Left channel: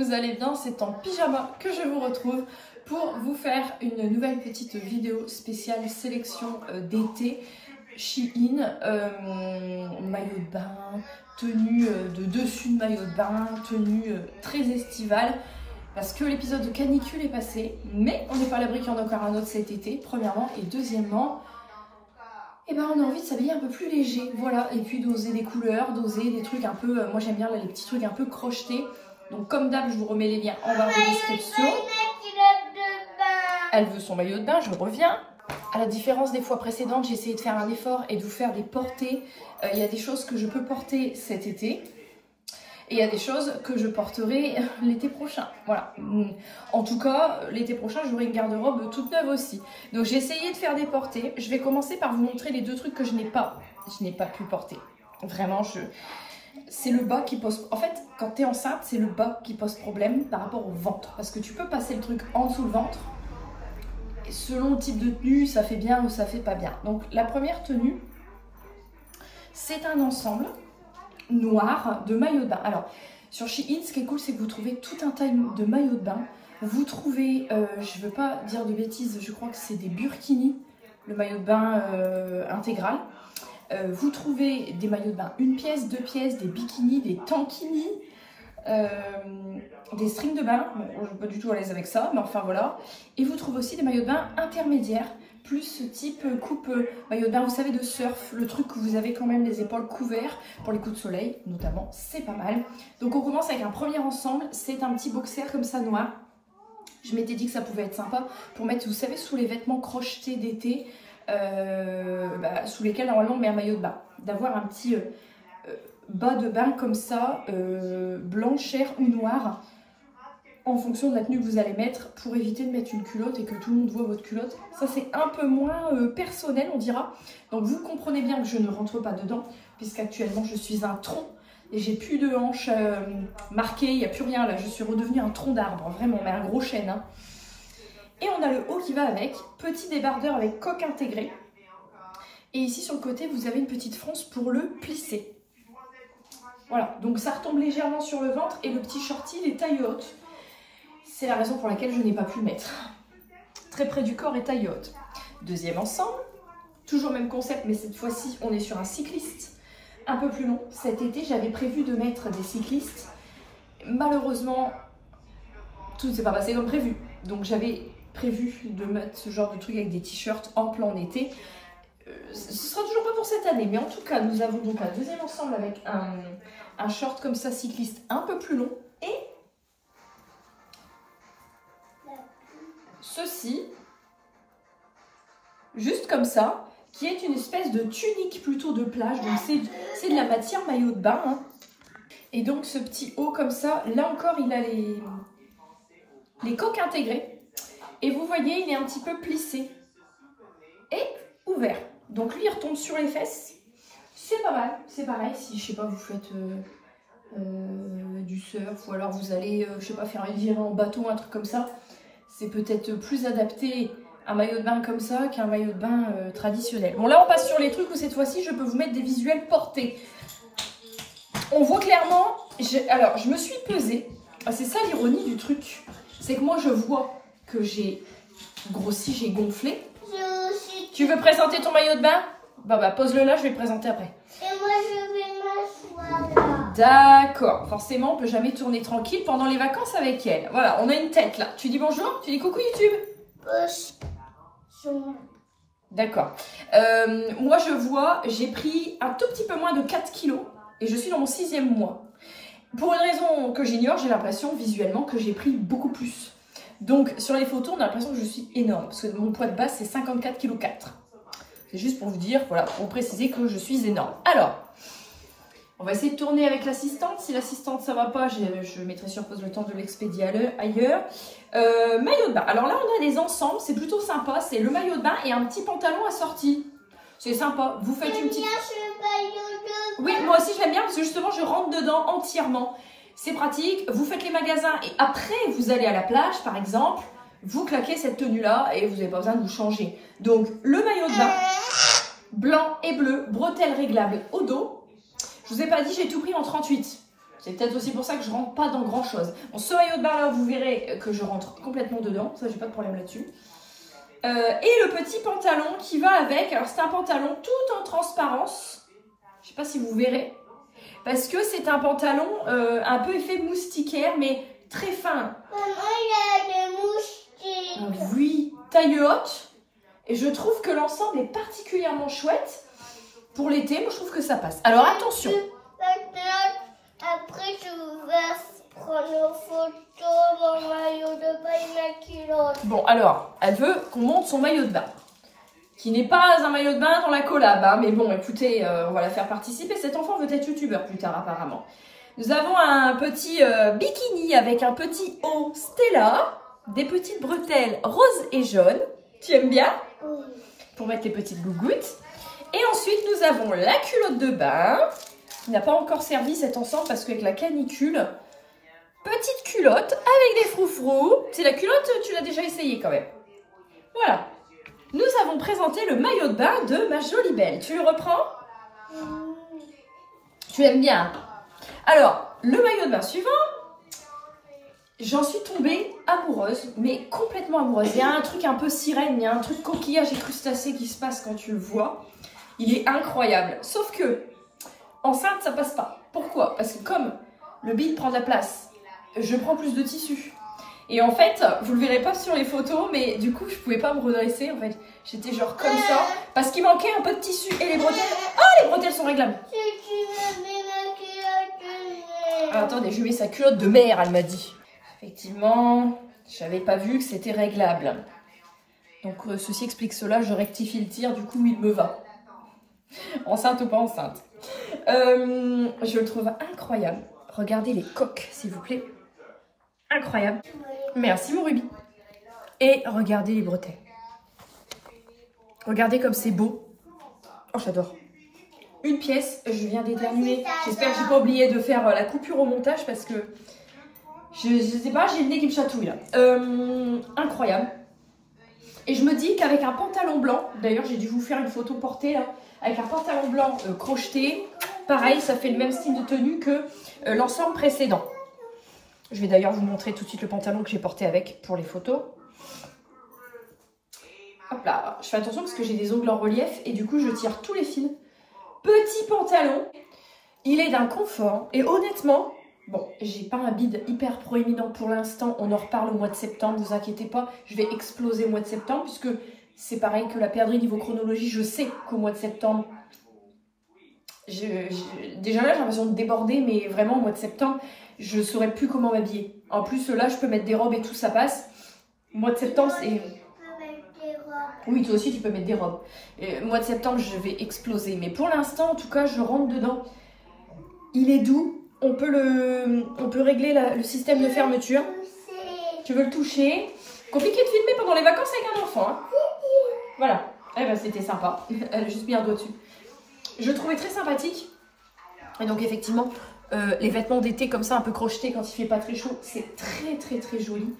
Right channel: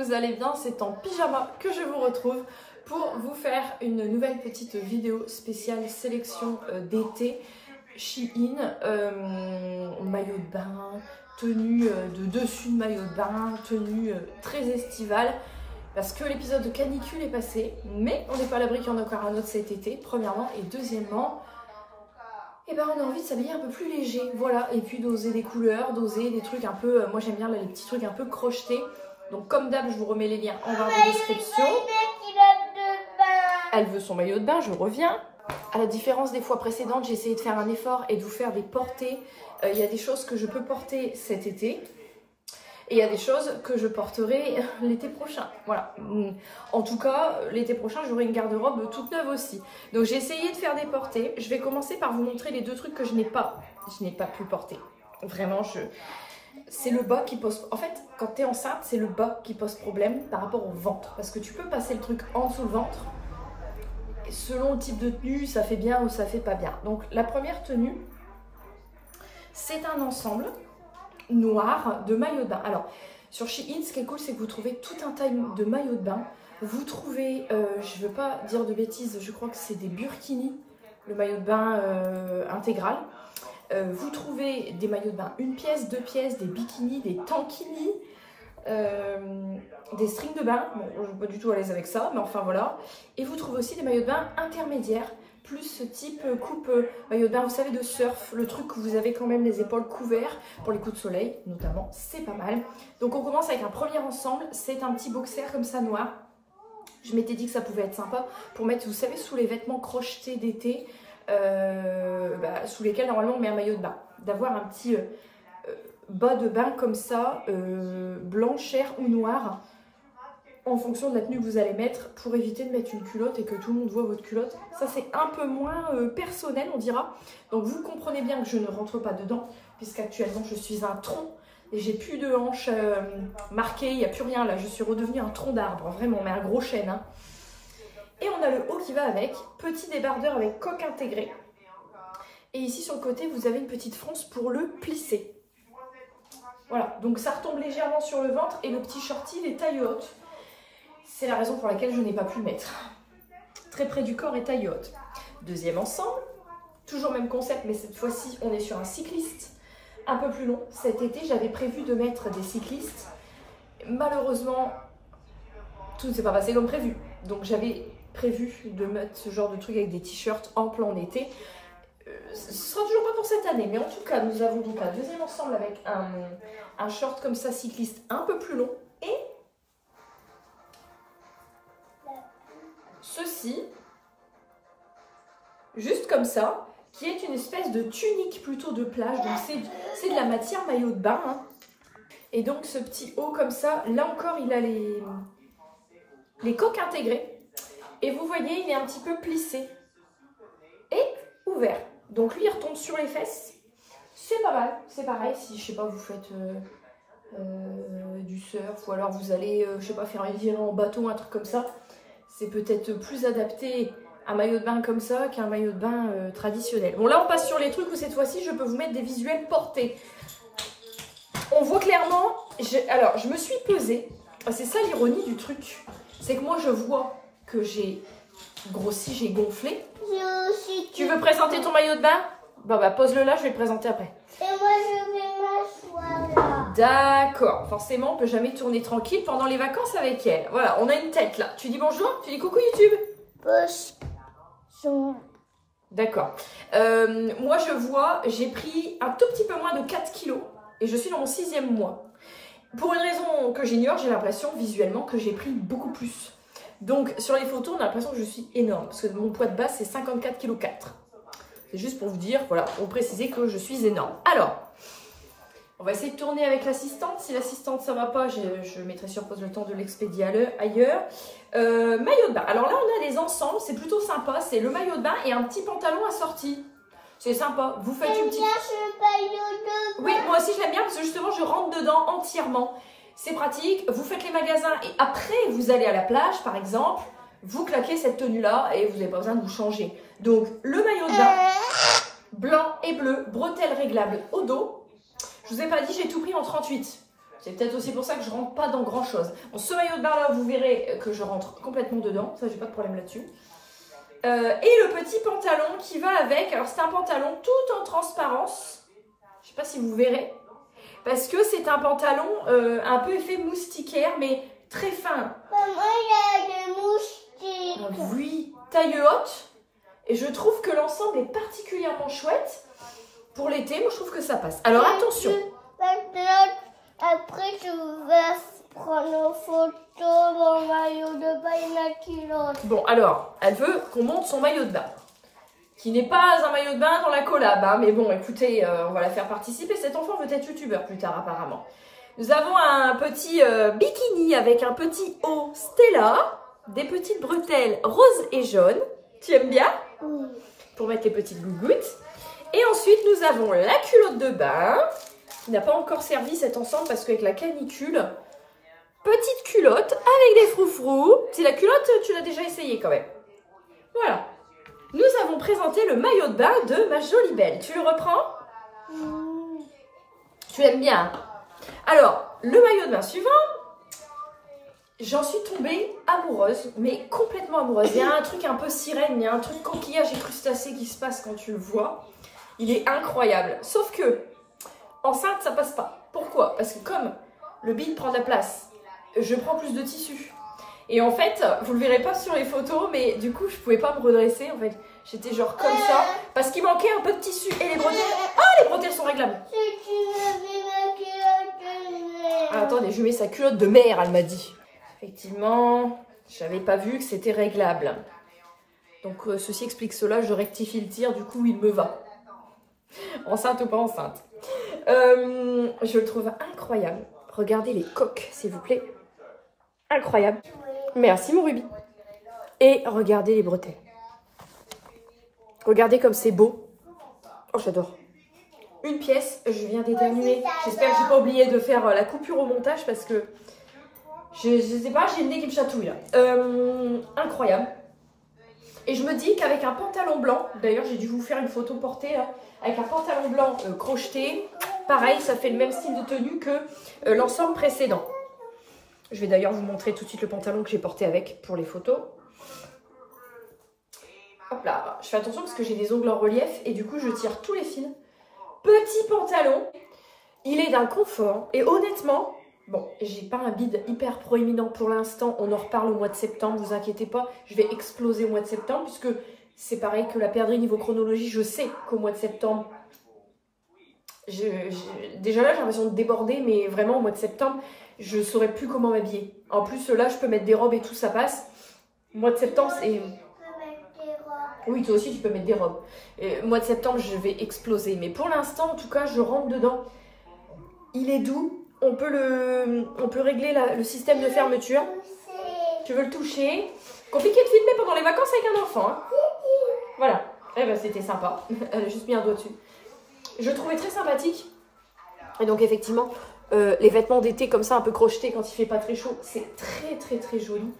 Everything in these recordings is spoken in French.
vous allez bien. C'est en pyjama que je vous retrouve pour vous faire une nouvelle petite vidéo spéciale sélection d'été. Shein, maillot de bain, tenue de dessus de maillot de bain, tenue très estivale. Parce que l'épisode de canicule est passé, mais on n'est pas à l'abri qu'il y en a encore un autre cet été, premièrement. Et deuxièmement, eh ben, on a envie de s'habiller un peu plus léger, voilà. Et puis d'oser des couleurs, d'oser des trucs un peu, moi j'aime bien là, les petits trucs un peu crochetés. Donc comme d'hab, je vous remets les liens en barre de description. Elle veut son maillot de bain, je reviens. À la différence des fois précédentes, j'ai essayé de faire un effort et de vous faire des portées. Il y a des choses que je peux porter cet été. Et il y a des choses que je porterai l'été prochain. Voilà. En tout cas, l'été prochain, j'aurai une garde-robe toute neuve aussi. Donc j'ai essayé de faire des portées. Je vais commencer par vous montrer les deux trucs que je n'ai pas pu porter. Vraiment, c'est le bas qui pose... En fait, quand tu es enceinte, c'est le bas qui pose problème par rapport au ventre. Parce que tu peux passer le truc en dessous le ventre. Et selon le type de tenue, ça fait bien ou ça fait pas bien. Donc la première tenue, c'est un ensemble noir de maillot de bain. Alors sur Shein, ce qui est cool, c'est que vous trouvez tout un tas de maillots de bain. Vous trouvez, je veux pas dire de bêtises, je crois que c'est des burkinis, le maillot de bain intégral. Vous trouvez des maillots de bain 1 pièce, 2 pièces, des bikinis, des tankinis, des strings de bain. Bon, je ne suis pas du tout à l'aise avec ça, mais enfin voilà. Et vous trouvez aussi des maillots de bain intermédiaires, plus ce type coupe maillot de bain, vous savez, de surf, le truc où vous avez quand même les épaules couvertes pour les coups de soleil, notamment, c'est pas mal. Donc on commence avec un premier ensemble, c'est un petit boxer comme ça noir. Je m'étais dit que ça pouvait être sympa pour mettre, vous savez, sous les vêtements crochetés d'été, sous lesquels normalement on met un maillot de bain. D'avoir un petit bas de bain comme ça, blanc, chair ou noir, en fonction de la tenue que vous allez mettre, pour éviter de mettre une culotte et que tout le monde voit votre culotte. Ça c'est un peu moins personnel, on dira. Donc vous comprenez bien que je ne rentre pas dedans, puisqu'actuellement je suis un tronc et j'ai plus de hanches marquées, il n'y a plus rien là, je suis redevenue un tronc d'arbre, vraiment, mais un gros chêne. Hein. Et on a le haut qui va avec, petit débardeur avec coque intégrée. Et ici sur le côté, vous avez une petite fronce pour le plisser. Voilà, donc ça retombe légèrement sur le ventre et le petit shorty, il est taille haute. C'est la raison pour laquelle je n'ai pas pu le mettre. Très près du corps et taille haute. Deuxième ensemble, toujours même concept, mais cette fois-ci, on est sur un cycliste un peu plus long. Cet été, j'avais prévu de mettre des cyclistes. Malheureusement, tout ne s'est pas passé comme prévu. Donc j'avais prévu de mettre ce genre de truc avec des t-shirts en plein été. Ce sera toujours pas pour cette année, mais en tout cas, nous avons donc un deuxième ensemble avec un short comme ça, cycliste, un peu plus long. Et ceci, juste comme ça, qui est une espèce de tunique plutôt de plage. Donc c'est de la matière maillot de bain. Hein. Et donc ce petit haut comme ça, là encore, il a les coques intégrées. Et vous voyez, il est un petit peu plissé et ouvert. Donc lui, il retombe sur les fesses. C'est pas mal. C'est pareil si, je sais pas, vous faites du surf ou alors vous allez, je sais pas, faire une virée en bateau, un truc comme ça. C'est peut-être plus adapté un maillot de bain comme ça qu'un maillot de bain traditionnel. Bon, là, on passe sur les trucs où cette fois-ci, je peux vous mettre des visuels portés. On voit clairement... Alors, je me suis pesée. C'est ça l'ironie du truc. C'est que moi, je vois que j'ai grossi, j'ai gonflé. Tu veux présenter ton maillot de bain? Bah, pose-le là, je vais le présenter après. Et moi, je vais m'asseoir là. D'accord. Forcément, on peut jamais tourner tranquille pendant les vacances avec elle. Voilà, on a une tête là. Tu dis bonjour? Tu dis coucou YouTube? Bonjour. D'accord. Moi, je vois, j'ai pris un tout petit peu moins de 4 kilos et je suis dans mon 6e mois. Pour une raison que j'ignore, j'ai l'impression visuellement que j'ai pris beaucoup plus. Donc, sur les photos, on a l'impression que je suis énorme parce que mon poids de base, c'est 54,4 kg. C'est juste pour vous dire, voilà, pour préciser que je suis énorme. Alors, on va essayer de tourner avec l'assistante. Si l'assistante, ça va pas, je mettrai sur pause le temps de l'expédier ailleurs. Maillot de bain. Alors là, on a des ensembles, c'est plutôt sympa. C'est le maillot de bain et un petit pantalon assorti. C'est sympa. Vous faites une petite... Oui, moi aussi, je l'aime bien parce que justement, je rentre dedans entièrement. C'est pratique. Vous faites les magasins et après, vous allez à la plage, par exemple. Vous claquez cette tenue-là et vous n'avez pas besoin de vous changer. Donc, le maillot de bain, blanc et bleu, bretelles réglables au dos. Je vous ai pas dit, j'ai tout pris en 38. C'est peut-être aussi pour ça que je rentre pas dans grand chose. Bon, ce maillot de bain là, vous verrez que je rentre complètement dedans. Ça, j'ai pas de problème là-dessus. Et le petit pantalon qui va avec. Alors, c'est un pantalon tout en transparence. Je sais pas si vous verrez. Parce que c'est un pantalon un peu effet moustiquaire, mais très fin. Maman, il y a des moustiques. Oui, taille haute. Et je trouve que l'ensemble est particulièrement chouette. Pour l'été, moi, je trouve que ça passe. Alors, attention. Après, je vais prendre une photo, mon maillot de bain et ma culotte. Bon, alors, elle veut qu'on monte son maillot de bain. Qui n'est pas un maillot de bain dans la collab. Hein, mais bon, écoutez, on va la faire participer. Cet enfant veut être youtubeur plus tard, apparemment. Nous avons un petit bikini avec un petit haut Stella. Des petites bretelles roses et jaunes. Tu aimes bien? Oui. Pour mettre les petites gougouttes. Et ensuite, nous avons la culotte de bain. Qui n'a pas encore servi cet ensemble parce qu'avec la canicule, petite culotte avec des froufrous. C'est la culotte, tu l'as déjà essayé quand même. Voilà. Nous avons présenté le maillot de bain de ma jolie belle. Tu le reprends? Tu aimes bien? Alors, le maillot de bain suivant, j'en suis tombée amoureuse, mais complètement amoureuse. Il y a un truc un peu sirène, il y a un truc coquillage et crustacé qui se passe quand tu le vois. Il est incroyable. Sauf que, enceinte, ça passe pas. Pourquoi? Parce que comme le bide prend de la place, je prends plus de tissu. Et en fait, vous le verrez pas sur les photos, mais du coup, je pouvais pas me redresser. En fait, j'étais genre comme ça, parce qu'il manquait un peu de tissu. Et les bretelles, oh, les bretelles sont réglables. Ah, attendez, je mets sa culotte de mère, elle m'a dit. Effectivement, j'avais pas vu que c'était réglable. Donc, ceci explique cela, je rectifie le tir, du coup, il me va. Enceinte ou pas enceinte. Je le trouve incroyable. Regardez les coques, s'il vous plaît. Incroyable. Merci, mon Ruby. Et regardez les bretelles. Regardez comme c'est beau. Oh, j'adore. Une pièce, je viens d'éternuer. J'espère que j'ai pas oublié de faire la coupure au montage parce que je sais pas, j'ai le nez qui me chatouille là. Incroyable. Et je me dis qu'avec un pantalon blanc, d'ailleurs j'ai dû vous faire une photo portée là, avec un pantalon blanc crocheté, pareil, ça fait le même style de tenue que l'ensemble précédent. Je vais d'ailleurs vous montrer tout de suite le pantalon que j'ai porté avec pour les photos. Hop là, je fais attention parce que j'ai des ongles en relief et du coup je tire tous les fils. Petit pantalon, il est d'un confort et honnêtement, bon, j'ai pas un bide hyper proéminent pour l'instant, on en reparle au mois de septembre, vous inquiétez pas, je vais exploser au mois de septembre puisque c'est pareil que la perdrix niveau chronologie, je sais qu'au mois de septembre, déjà là j'ai l'impression de déborder, mais vraiment au mois de septembre, je ne saurais plus comment m'habiller. En plus là, je peux mettre des robes et tout, ça passe. Au mois de septembre, c'est... Oui, toi aussi, tu peux mettre des robes. Mois de septembre, je vais exploser. Mais pour l'instant, en tout cas, je rentre dedans. Il est doux. On peut régler le système de fermeture. Tu veux le toucher? Compliqué de filmer pendant les vacances avec un enfant. Hein. Voilà. Eh ben, c'était sympa. Elle a juste mis un doigt dessus. Je le trouvais très sympathique. Et donc, effectivement, les vêtements d'été comme ça, un peu crochetés quand il fait pas très chaud, c'est très, très, très joli.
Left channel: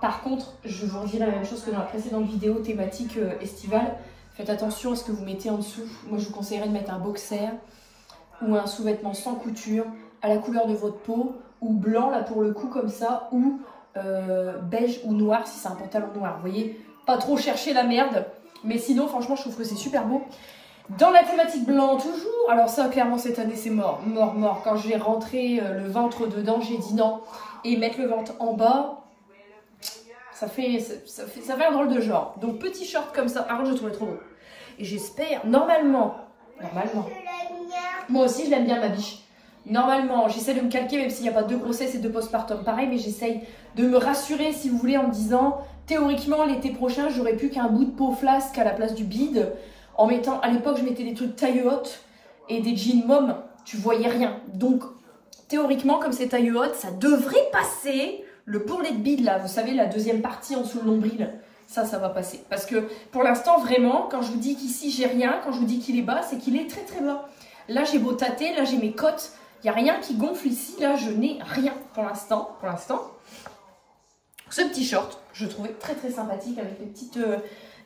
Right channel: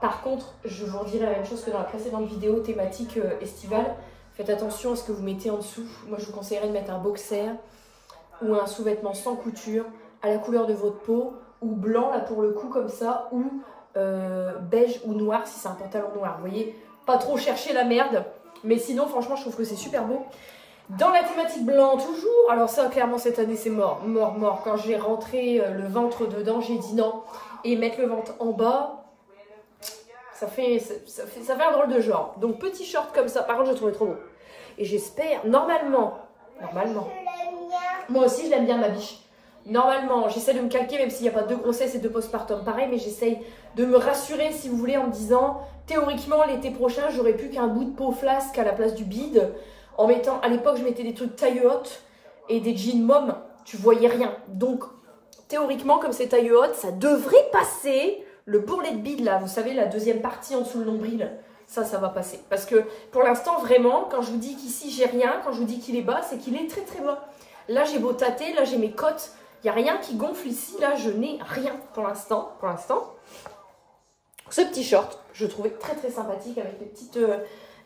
Par contre, je vous redis la même chose que dans la précédente vidéo thématique estivale. Faites attention à ce que vous mettez en dessous. Moi, je vous conseillerais de mettre un boxer ou un sous-vêtement sans couture à la couleur de votre peau ou blanc là pour le coup comme ça ou beige ou noir si c'est un pantalon noir. Vous voyez, pas trop chercher la merde. Mais sinon, franchement, je trouve que c'est super beau. Dans la thématique blanc toujours. Alors ça, clairement, cette année, c'est mort. Mort, mort. Quand je vais rentrer le ventre dedans, j'ai dit non. Et mettre le ventre en bas... Ça fait un drôle de genre. Donc, petit short comme ça. Par contre, je le trouvais trop beau. Et j'espère, normalement, moi aussi, je l'aime bien, ma biche. Normalement, j'essaie de me calquer, même s'il n'y a pas de grossesse et de postpartum. Pareil, mais j'essaye de me rassurer, si vous voulez, en me disant, théoriquement, l'été prochain, j'aurais plus qu'un bout de peau flasque à la place du bide. En mettant, à l'époque, je mettais des trucs taille haute et des jeans mom. Tu voyais rien. Donc, théoriquement, comme c'est taille haute, ça devrait passer... Le bourrelet de bide, là, vous savez, la deuxième partie en dessous le nombril, ça va passer. Parce que pour l'instant, vraiment, quand je vous dis qu'ici, j'ai rien, quand je vous dis qu'il est bas, c'est qu'il est très très bas. Là, j'ai beau tâter, là, j'ai mes côtes. Il n'y a rien qui gonfle ici, là, je n'ai rien pour l'instant. Ce petit short, je trouvais très très sympathique avec les petites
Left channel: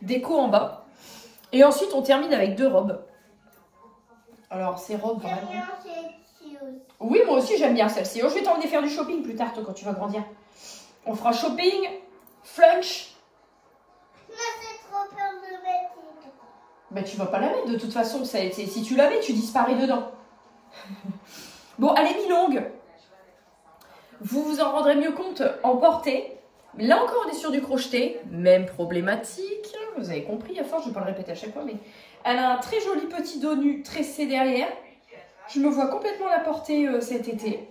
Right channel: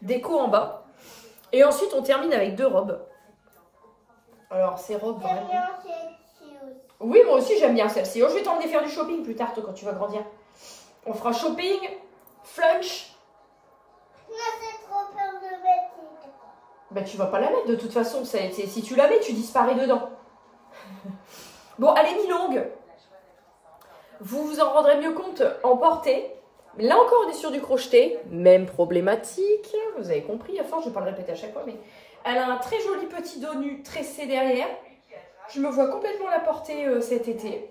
décos en bas. Et ensuite, on termine avec deux robes. Alors, ces robes, vraiment... Oui, moi aussi j'aime bien celle-ci. Oh, je vais t'emmener faire du shopping plus tard, toi, quand tu vas grandir. On fera shopping, flunch. Moi, c'est trop peur de mettre. Ben, tu vas pas la mettre de toute façon. Si tu la mets, tu disparais dedans. Bon, allez, mi-longue. Vous vous en rendrez mieux compte en portée. Là encore, on est sur du crocheté. Même problématique. Vous avez compris, à force, je ne vais pas le répéter à chaque fois, mais elle a un très joli petit dos nu tressé derrière. Je me vois complètement la porter cet été.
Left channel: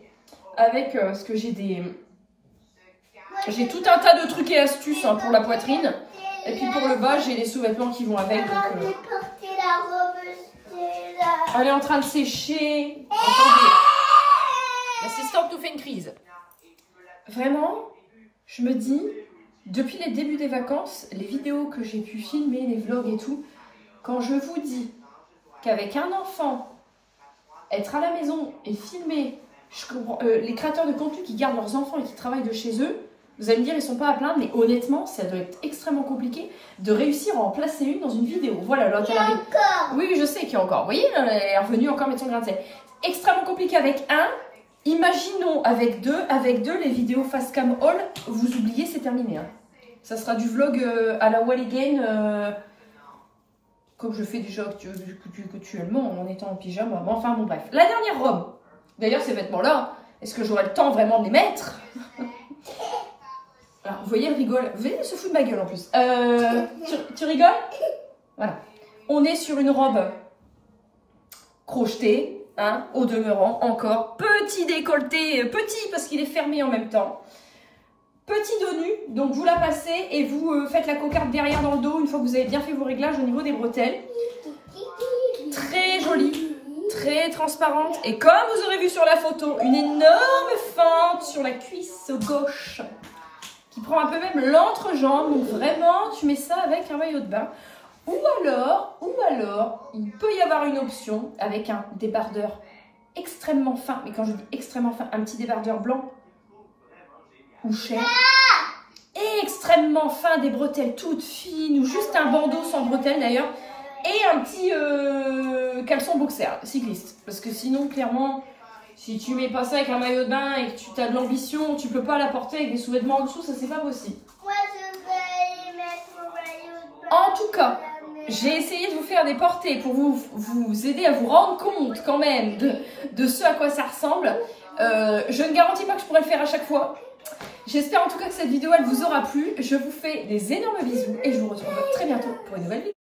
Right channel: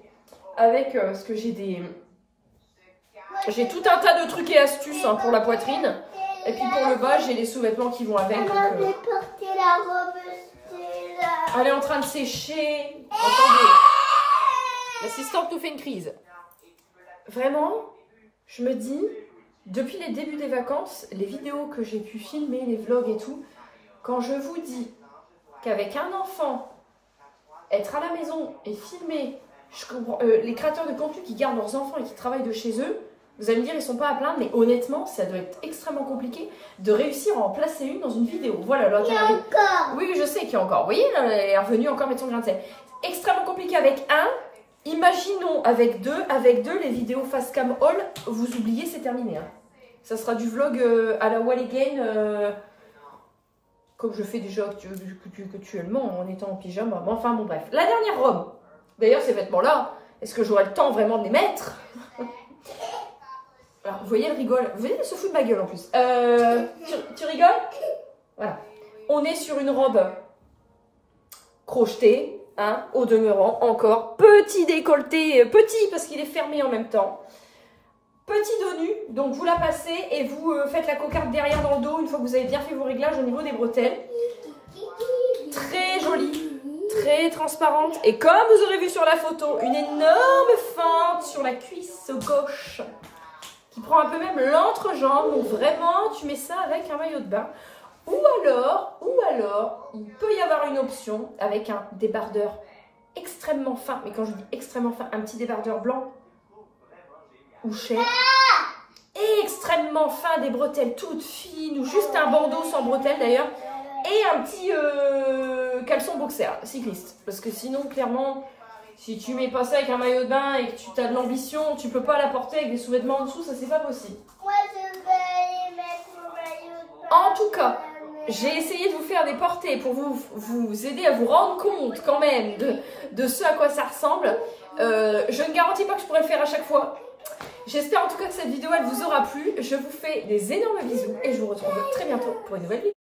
Avec ce que j'ai des... J'ai tout un tas de trucs et astuces hein, pour la poitrine. Et puis pour le bas, j'ai les sous-vêtements qui vont avec. Donc, porter la robe, elle est en train de sécher. Attendez. L'assistante nous fait une crise. Vraiment, je me dis, depuis les débuts des vacances, les vidéos que j'ai pu filmer, les vlogs et tout, quand je vous dis qu'avec un enfant, être à la maison et filmer, je comprends, les créateurs de contenu qui gardent leurs enfants et qui travaillent de chez eux, vous allez me dire, ils ne sont pas à plaindre, mais honnêtement, ça doit être extrêmement compliqué de réussir à en placer une dans une vidéo. Voilà, là, elle arrive. Oui, je sais qu'il y a encore. Vous voyez, elle est revenue encore mettre son grain de sel. Extrêmement compliqué avec un. Imaginons avec deux, les vidéos face cam all, vous oubliez, c'est terminé. Hein. Ça sera du vlog à la Wall Again, comme je fais déjà actuellement en étant en pyjama. Bon, enfin, bon, bref. La dernière robe. D'ailleurs, ces vêtements-là, est-ce que j'aurai le temps vraiment de les mettre? Alors, vous voyez, elle rigole. Vous voyez, elle se fout de ma gueule en plus. Tu rigoles? Voilà. On est sur une robe crochetée. Hein, au demeurant, encore, petit décolleté, petit parce qu'il est fermé en même temps. Petit dos nu, donc vous la passez et vous faites la cocarde derrière dans le dos une fois que vous avez bien fait vos réglages au niveau des bretelles. Très jolie, très transparente. Et comme vous aurez vu sur la photo, une énorme fente sur la cuisse gauche qui prend un peu même l'entrejambe. Donc vraiment, tu mets ça avec un maillot de bain. Ou alors, il peut y avoir une option avec un débardeur extrêmement fin. Mais quand je dis extrêmement fin, un petit débardeur blanc ou cher. Et extrêmement fin, des bretelles toutes fines ou juste un bandeau sans bretelles d'ailleurs. Et un petit caleçon boxer cycliste. Parce que sinon, clairement, si tu mets pas ça avec un maillot de bain et que tu as de l'ambition, tu peux pas la porter avec des sous-vêtements en dessous, ça c'est pas possible. Moi, je vais mettre mon maillot de bain. En tout cas, j'ai essayé de vous faire des portées pour vous aider à vous rendre compte quand même de ce à quoi ça ressemble. Je ne garantis pas que je pourrai le faire à chaque fois. J'espère en tout cas que cette vidéo elle vous aura plu. Je vous fais des énormes bisous et je vous retrouve très bientôt pour une nouvelle vidéo.